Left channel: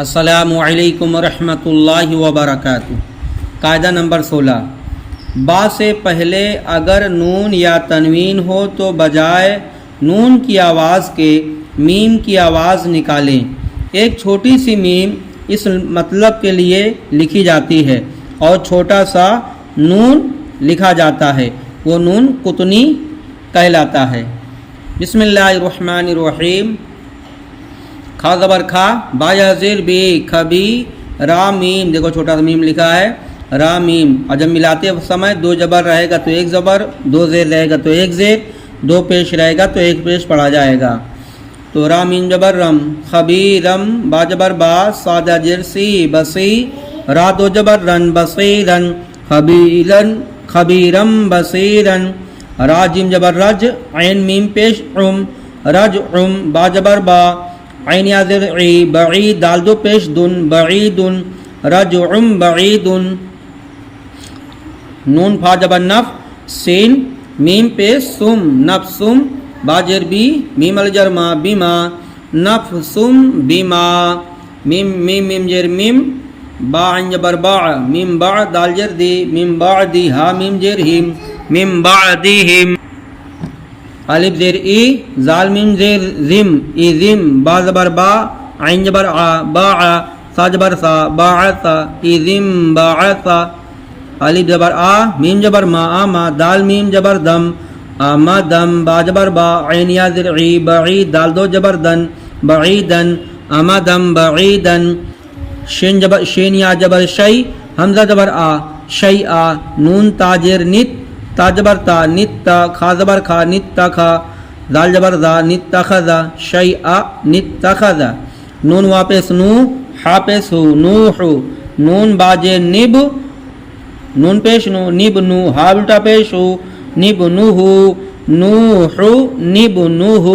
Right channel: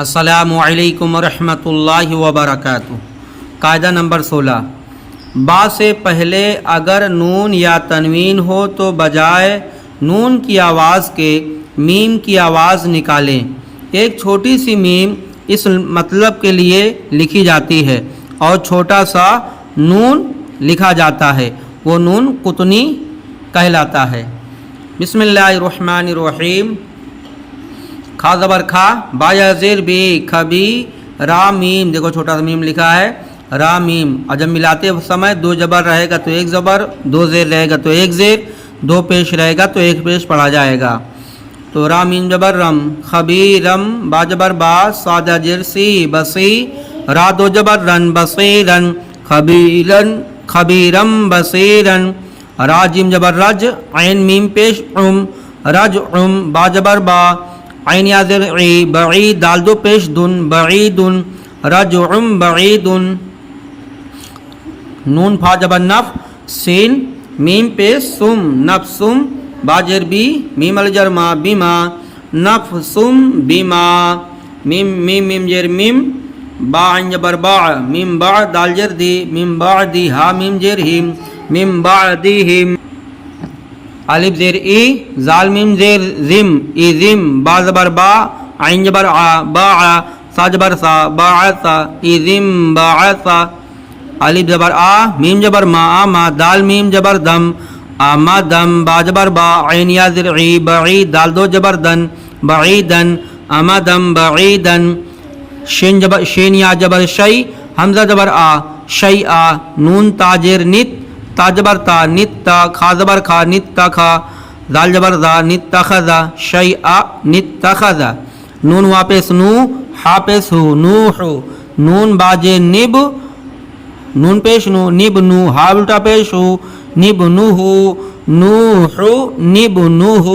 السلام علیکم ورحمۃ اللہ وبرکاتہ۔ قاعدہ نمبر 16، با سے پہلے اگر نون یا تنوین ہو تو بجائے نون کی آواز کے میم کی آواز نکالیں۔ ایک چھوٹی سی میم اس مطلب کے لیے لکھی جاتی ہے اور چھوٹا سا نون لکھا جاتا ہے، وہ نون قطنی کہلاتا ہے۔ بسم اللہ الرحمن الرحیم۔ کھا زبر کھا، با یا زیر بی، کھبی، را میم، دیکھو چھوٹا سا میم لکھا ہے، را میم، اور جب ملاتے سمے دو جبر رہے گا تو ایک زبر، دو زیر رہے گا تو ایک زیر، دو پیش رہے گا تو ایک پیش پڑھا جائے گا۔ تو را میم جبر رم، خبیرم، با جبر با، صاد جر سی، بسی، را دو جبر رن، بصیرن، خبیرن، خبیرم بصیرن، را جیم جبر رج، عین میم پیش عم، رجعم، با جبر با، عین یا زر عی، بعید، دال دو پیش دن، بعیدن، رجعم بعیدن، نون فا جبر نف، سین میم پیش سم، نفسم، با جر بی، میم الجر ما، بما، نفسم بما، میم جر میم، با عین جبر با، میم با، دال جر دی، میم بعدی، ہا میم جر ہم، میم بعدہم، الف زیر ای، زال میم زیر زم، ایزم، با زبر با، عین جبر آ، باع، سا جبر سا، باعثا، ایزم باعثا، الف جبر آ، میم جبر ما، آما، دال میم جبر دم، آمدم، با جبر با، عین یا زر عی، بعید، دال دو جبر دن، بعیدن، آمدم بعیدن، شین یا جبر شی، حمزہ جبر آ، شیئا، نون تاجر نت، تا جبر تا، نت تا، کھا زبر کھا، نت تا کھا، دال جبر دا، نت تخذا، شیئا، نت تخذا، نون واپس نو، ہا پیش ہو، نوح، نون باجے نب، نون پیش نو، نب نو، ہا الٹا پیش ہو، نب نوح، نوح، نب نوح۔